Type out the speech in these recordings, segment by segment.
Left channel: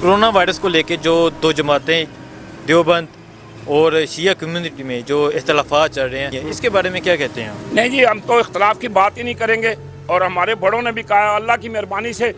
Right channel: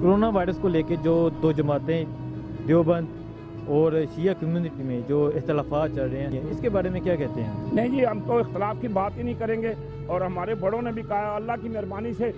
Corona virus को लेके जो दो जमातें देवबंद और शिया कम्युनिटी में जो इख्तलाफात चल रहे हैं, इसके बारे में क्या कहते हैं आप? नहीं जी, हम तो इख्तलाफ की बात ही नहीं करेंगे। और हमारे बड़ों ने भी कहा, अल्लाह की मेहरबानी से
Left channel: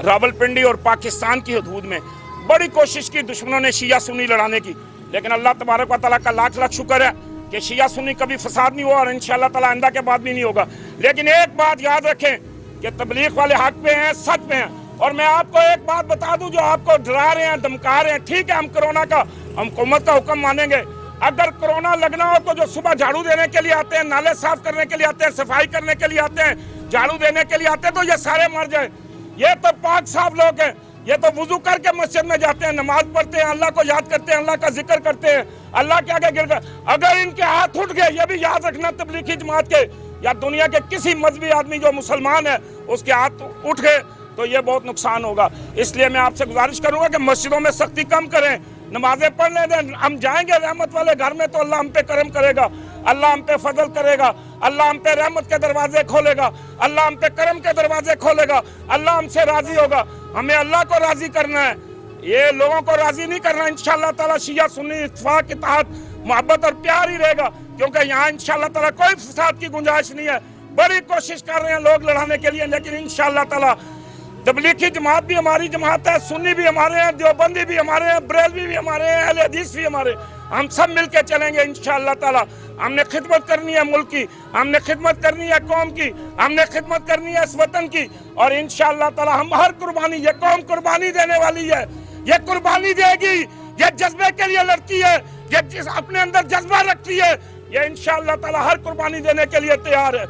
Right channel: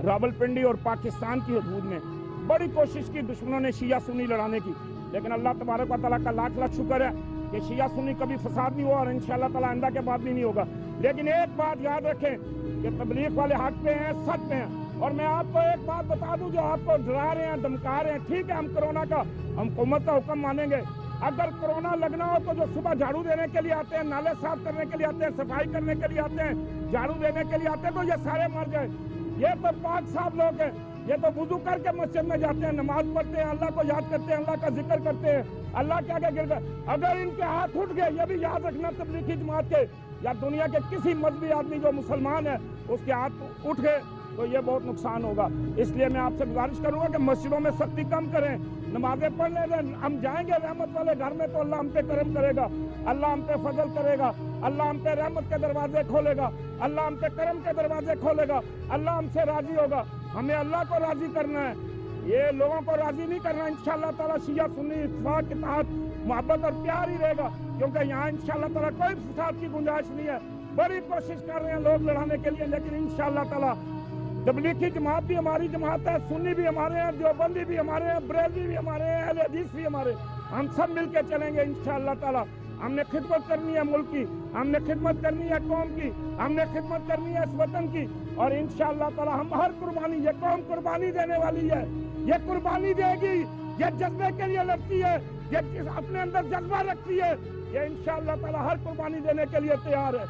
रावलपिंडी और पाकिस्तान की हदूद में बड़ी कोशिश की दुश्मनों ने शिया सुन्नी लड़ाने की, लेकिन अल्लाह तबारक व तआला का लाख लाख शुक्र है कि शिया सुन्नी कभी फसाद नहीं हुआ और इंशाअल्लाह ताला आइंदा के बाद भी नहीं होगा। लेकिन एक बात याद रखें कि तबलीग वाले हक पे हैं, सच पे हैं। और मैं आपको एक बात बता दूं, जो आपको डरा रहे हैं, धमका रहे हैं, ठीक है, हम कोरोना का, हम हुकूमत का हुक्म मानेंगे। अगर कोरोना लगना हो तो जो सुबह झाड़ू देने के लिए आते हैं, नाले साफ करने के लिए आते हैं, सफाई करने के लिए आते हैं, झाड़ू देने के लिए आते हैं, तो ये सारे मर जाए। ये तो पाक साफ लोग हैं, ये तो वुजू करके मस्जिद में जाते हैं, नमाज पढ़ते हैं, अल्लाह को याद करते हैं, अल्लाह का जिक्र करते हैं, अल्लाह के आगे गिर कर। अगर इनके हाथ उठ गए, ये भी याद रखना, तबलीगी जमात के या दुनिया के किसी मजहबी आदमी जो मुसलमान है उसके हाथ उठ गए तो ये बहुत नुकसान होगा। इसलिए मैं आपसे गुजारिश करूंगा कि मस्जिदों में सख्ती कम करें, नमाजें पढ़ने दें। हम जाएंगे रहमत वाले घर में तो अल्लाह हम पे करम करेगा, अल्लाह हम पे फजल करेगा, अल्लाह हम पे रहमत के दरवाजे खोलेगा, अल्लाह हम पे करम के दरवाजे खोलेगा, अल्लाह हमसे राजी होगा। हमें अल्लाह को राजी करना है, ये लोगों को राजी नहीं करना। इंशाअल्लाह ताला शिया सुन्नी इत्तेफाक के तहत मोहब्बत और प्यार ही रहेगा, क्योंकि यहाँ इंशाअल्लाह ताला कोई फसाद की गुंजाइश नहीं है। बड़ी कोशिश कर रहे हैं लोग लड़ाने के लिए, लेकिन इंशाअल्लाह ताला तबलीगी जमात भी हमारी जमात है, सुन्नी भी हमारे हैं, देवबंदी भी हमारे हैं, बरेलवी भी हमारे हैं, अहले हदीस भी हमारे। हम सब मिलके चलेंगे इंशाअल्लाह ताला। हमने खिदमत करनी है मुल्क की, हमने खिदमत करनी है कौम की, हमने खिदमत करनी है इस वतन की। और इंशाअल्लाह ताला हम हर कुर्बानी, ये कौम कुर्बानी देने वाली है, ये कुर्बानी देगी, ये जज्बे के लिए लड़ती है, ये अपने अंदर जज्बा रखती है, ये इंशाअल्लाह ताला हर कुर्बानी देने के लिए तैयार है।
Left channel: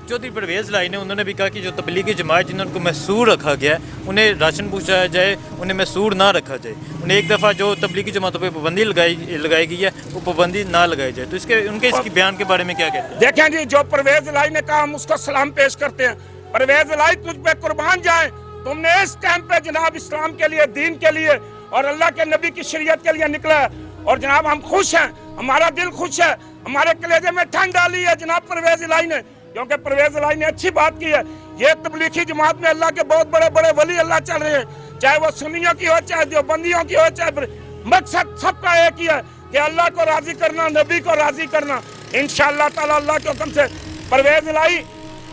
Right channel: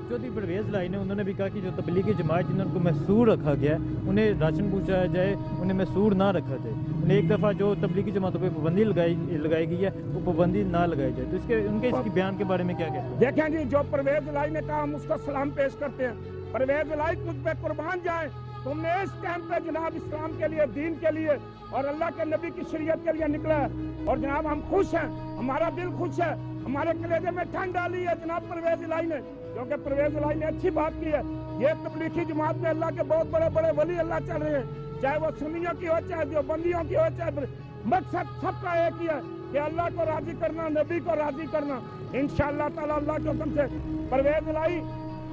चौधरी परवेज़ लाई ने उन्होंने भी कहा कि जो तबलीगी जमात जिनको महसूर रखा गया है उन्हें राशन पहुँचाया जाए, उन्हें महसूर ना रखा जाए। उन्हें एक दफ़ा जो तबलीगी जमातों पे पाबंदी लगाई गई है वो पाबंदी ना लगाई जाए। तो इसके उनके इसकी बयान के बारे में क्या कहते हैं? देखें जी, जो परवेज़ लाई ने कहा हम उसको सलाम पेश करते हैं। परवेज़ लाई तुझ पे कुर्बान जाए, तुमने इस टाइम पे जनाब इस्लाम के लिए, दीन के लिए और अल्लाह के नबी की शरीयत के लिए निकला है। और जनाब हम खुश हैं, हमारा दिल खुश है, हमारे कलेजे में ठंड डाली है जनाब परवेज़ लाई ने, क्योंकि परवेज़ लाई ने अच्छी बात की है। ये तबलीगी जमात में अल्लाह के बहुत बड़े बड़े वली अल्लाह चल रहे हैं, चाहे वो सुन्नियों की हो, चाहे देवबंदियों की हो, चाहे मकसद सबका एक ही है कि अल्लाह को राजी करना, नबी को राजी करना। इंशाअल्लाह ताला अल्लाह के हुक्म से परवेज़ लाई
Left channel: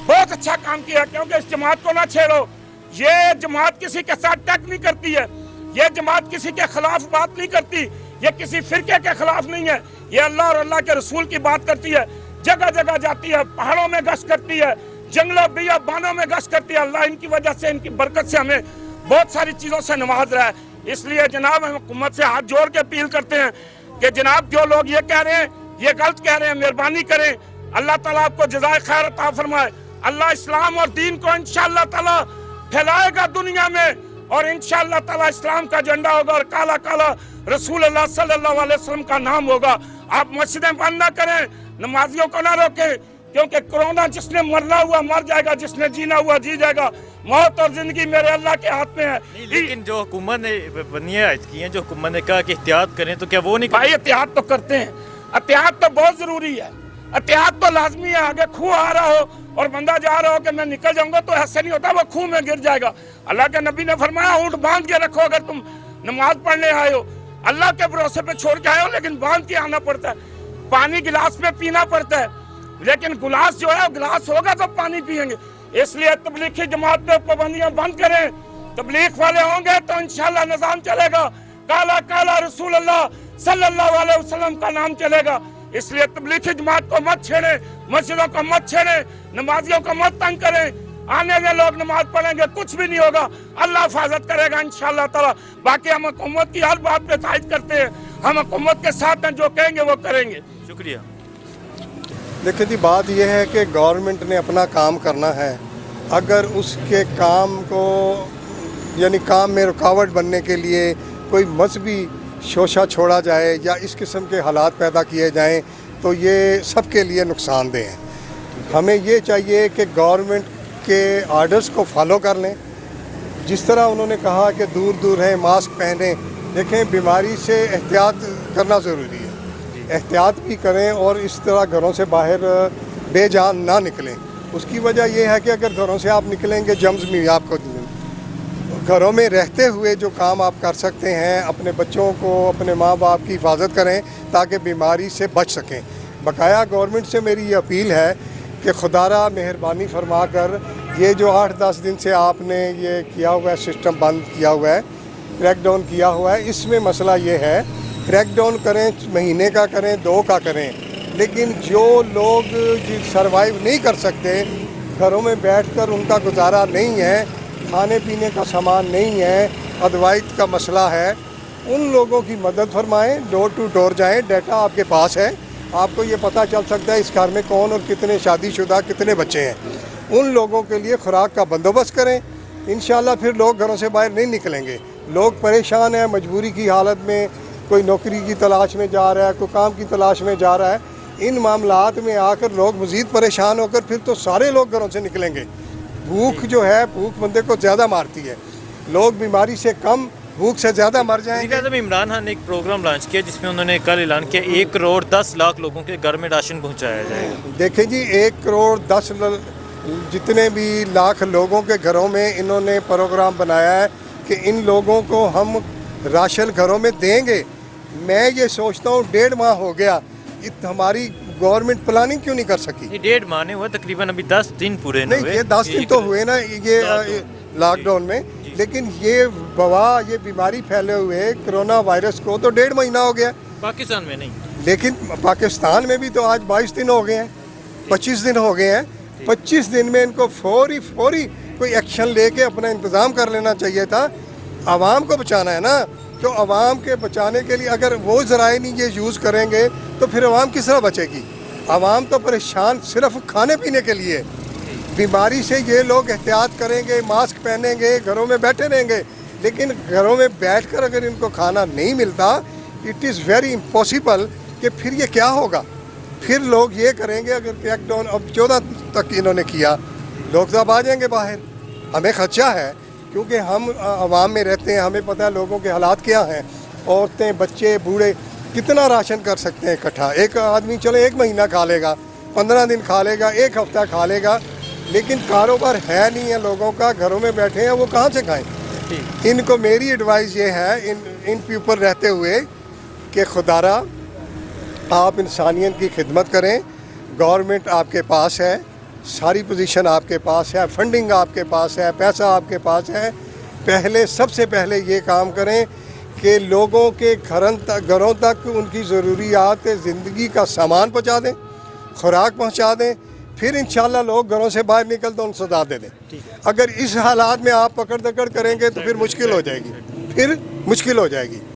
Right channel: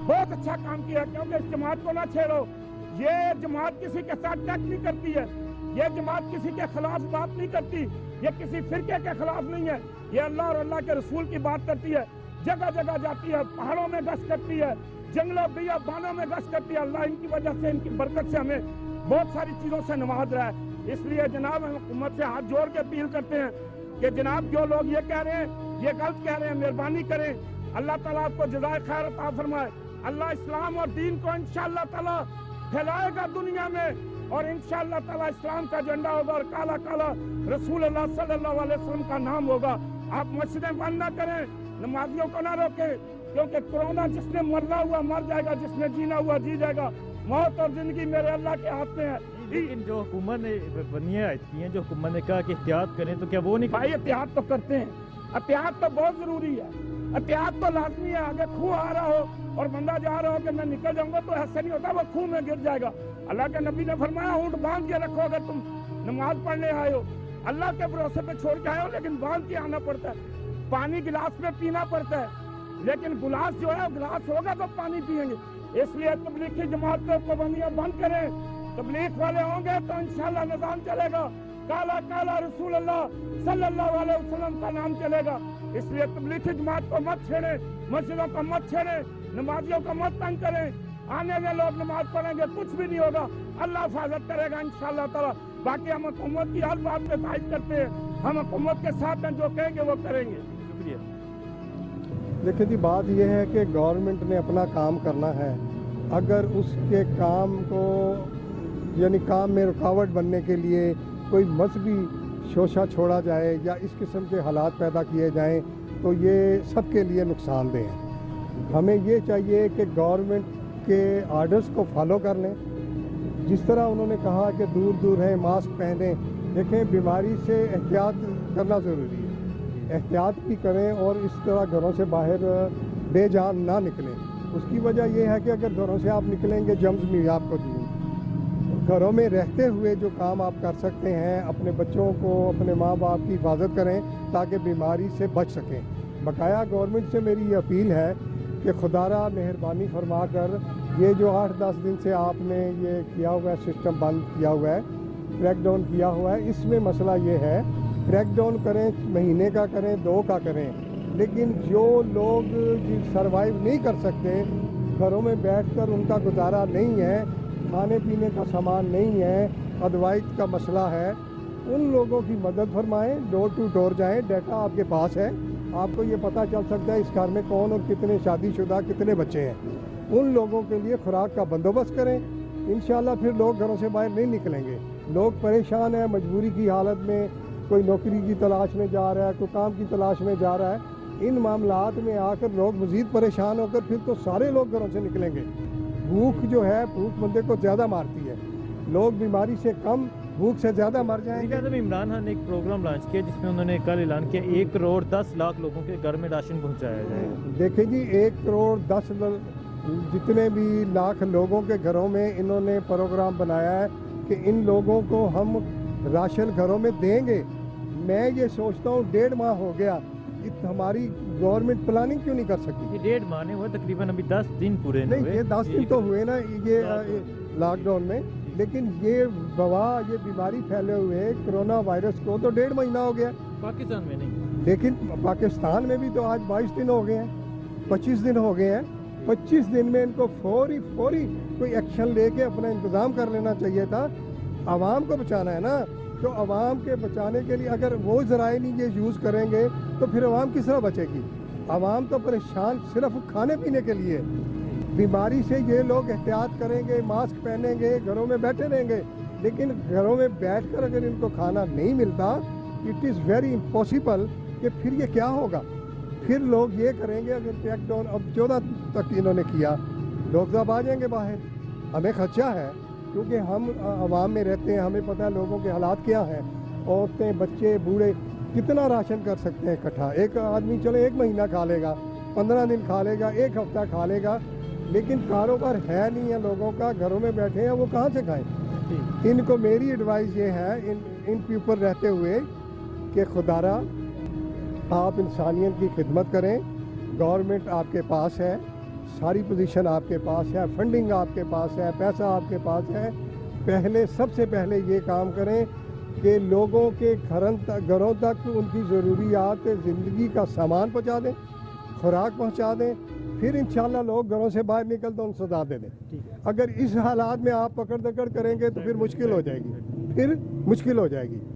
बहुत अच्छा काम किया, क्योंकि इस जमात को ना छेड़ो। ये जमात किसी के साथ टक नहीं करती है, ये जमात किसी के खिलाफ बात नहीं करती, ये किसी फिरके के खिलाफ नहीं है, ये अल्लाह और अल्लाह के रसूल की बात करती है। जगह जगह जाती है, पहाड़ों में गश्त करती है, जंगलों बियाबानों में गश्त करती है। अल्लाह इनकी वजह से, इनकी बरकत से हमें बहुत सारी चीज़ों से नवाज रहा है। इसलिए जनाब हम हुकूमत से हाथ जोड़ के अपील करते हैं कि जनाब जो लोग ये कह रहे हैं, ये गलत कह रहे हैं, मेहरबानी करें, अल्लाह ताला आपको जज़ाए खैर अता फरमाए। अल्लाह इस्लाम और दीन को इंशाअल्लाह ताला फैलाएगा दुनिया में, और इंशाअल्लाह ताला इस्लाम का झंडा होगा और काला काला रसूल अल्लाह सल्लल्लाहु अलैहि वसल्लम का नाम होगा। आप मस्जिदें बंद ना करें, नमाजियों को ना रोकें, क्योंकि कोरोना जिसने मरना हुआ मर जाएगा, जिसने जीना हुआ जी जाएगा। मौत और जिंदगी मेरे अल्लाह के हाथ में है। लेकिन जो हुकूमत ने बनियाद की है, जो हुकूमत ने कहा कि एहतियात करें, तो क्या वो नहीं? भाई एहतियात तो करते हैं, एहतियात तो बहुत जरूरी है, एहतियात तो लाजमी है। आगे खूह आ रहा हो और बंदा जा रहा हो कि मैं निकल जाऊंगा, तो ऐसे नहीं होता, वो खूह में गिर जाएगा। अल्लाह के नबी ने फरमाया ऊँट बांध के रखो, अगर तुम नमाज पढ़ने आए हो, अल्लाह के भरोसे पे छोड़ के आए हो, लेकिन बांध के आना पड़ता है। पानी गिलास में पीना पड़ता है, लेकिन गिलास जो है गिलास होगा तो पानी पिएंगे। इसलिए तबलीगी जमात पे पाबंदियां बंद करें, तबलीग वाले होंगे तो इंशाअल्लाह निजाम चलेगा, काला काला रसूल अल्लाह सल्लल्लाहु अलैहि वसल्लम का नाम चलेगा। इसलिए तबलीगी जमात को मत छेड़े, मस्जिदों को मत छेड़े, नमाजियों को मत तंग करें। आने में लोग नमाज पढ़ेंगे, कुछ भी नहीं होगा, अल्लाह हिफाजत करेगा इंशाअल्लाह ताला। बाकी हम हुकूमत की हर बात पे तायद करते हैं, हम हुकूमत के साथ हैं, जो कहेंगे वो करेंगे। शुक्रिया। देखिए जी, बात यह है कि गवर्नमेंट ने अपना काम करना है। अगर उसके काम को, यानी काम में रुकावट बनने के लिए कोई मजहबी शोशा छोड़ा जाए या इस किस्म के हालात पैदा किए जाएं, तो ये सबके लिए नुकसानदेह है। हमें ये चाहिए कि गवर्नमेंट के आर्डर्स को फॉलो कर लें। जिस तरह उन्होंने कहा कि दूर दूर हैं, मास्क पहने, देखें बीमारी से एहतियात करना ज़रूरी है, एहतियात भी करें और इस तरह घरों से बाहर बेजान ना निकलें। उसकी वजह यह है कि अगर घरों से आप निकलेंगे जम्स भी आपको घरों में रहते हुए जो काम आप कर सकते हैं, अपने बच्चों को, अपने माँ बाप की हिफाजत करें ताकि बीमारी से बच सकें। बकाया गवर्नमेंट से मेरी ये अपील है कि खुदारा मेहरबानी फरमा कर ये जो 8-10 दिन से आपने ये किया हुआ है, सिस्टम बंद किया हुआ है, क्रैक डाउन किया हुआ है, इसमें मसला ये है, क्रैक डाउन करें, महीने का करें, 2 का करें, लेकिन जो लोग सर्वाइव नहीं कर सकते, घरों में बैठकर उनका गुजारा नहीं है, खाने पीने का सामान नहीं है, अदवाइज का मसला है, उन लोगों की मदद फरमाएं, डोर टू डोर जाएं, डाटा आपके पास है, आपको ये पता चल सकता है इस घर में कौन और कितने शादीशुदा कितने बच्चे हैं। उन लोगों के लिए खुराक का बंदोबस्त करें, इंशाल्लाह फिर लोग घरों से बाहर नहीं निकलेंगे। लोग परेशान हैं, मजबूरी की हालत में, कोई नौकरी की तलाश में जा रहा है, कोई काम की तलाश में जा रहा है, इन मामलात में आकर लोग मज़ीद परेशान होकर फिर तो सारे लोग घरों से निकलेंगे। भूख जो है, भूख बंदे को ज़्यादा मारती है, लोग बीमारी से कम भूख से ज़्यादा मर जाएंगे। वज़ीर-ए-आज़म इमरान खान ने एक प्रोग्राम लॉन्च किया जिसमें उन्होंने कल ऐलान किया 1 करोड़ 10 लाख लोगों के घर में राशन पहुंचाया जाएगा। देखें जी, 1 करोड़ 10 जितने भी लाख लोगों के घरों में इन्होंने प्रोग्राम बनाया है कि इन लोगों को हम राशन घरों में देंगे। मैं ये सोचता हूँ 1.5 माह हो गया, हमारी गवर्नमेंट प्लानिंग क्यों नहीं कर सकी? ये 1.5 माह हुआ, तकरीबन अभी 10 दिन पूरे नहीं हुए। ये 10 दिन तो हुए ना ये लॉकडाउन में, लेकिन ये वबा, ये बीमारी फैले हुए कोरोना वायरस को तो 1.5 महीना हो गया। पाकिस्तान में नहीं, लेकिन पाकिस्तान में भी तो आज 22 दिन हो गए हैं, 25 दिन हो गए हैं। 25 दिन में इनको फौरी कोई एक्शन लेके अपना इंतज़ाम कर लेना चाहिए था। आवाम को बचाना है ना, तो आवाम के बचाने के लिए अगर वो ज़राए नहीं ये यूज़ करेंगे तो फिर आवाम किस तरह बचेगी? आवाम तो परेशान सिर्फ खाने पीने के लिए। बीमारी से ये लोग एहतियात करेंगे, मास्क पहनेंगे, घरों में बैठे रहेंगे, लेकिन घरों में बैठकर अगर इनको खाना नहीं मिलता, इट इज़ वेरी इम्पॉसिबल कि फिर ये क्या होगा। फिर लोग ये करेंगे, अगर क्रैकडाउन अब 14 तक इन्होंने किया, लोग सब आ जाएंगे बाहर। हमें खदशा है क्योंकि हम आवाम में रहते हैं, हमें पता है लोगों के हालात क्या हैं। औरतें, बच्चे, बूढ़े कितना राशन कर सकते हैं इकट्ठा? एक आदमी चले 1 महीना खा लेगा, 15 दिन खा लेगा, 1 हफ्ता खा लेगा, लेकिन कारोबार है नहीं है लोगों का, घरों में बैठे हैं, वो कहाँ से खाएं? इनको मेरी एडवाइस ये है इन के ऊपर रहते हुए कि खुदारा आप इंसानियत की खिदमत करें। गवर्नमेंट आपके पास है, सारी पोजीशन आपके पास है, फंडिंग आपके पास है, पैसा आपके पास है। सबसे पहले ये काम करें कि लोगों के घरों तक उनकी ज़रूरियात ज़िंदगी का सामान पहुँचा दें, खुराक पहुँचा दें, फिर इंशाल्लाह लोग घरों से बाहर निकल तो उनको सजा दे दें। अगर इस हालात में आप पकड़ दकड़ करेंगे तो फिर मुश्किल हो जाएगी।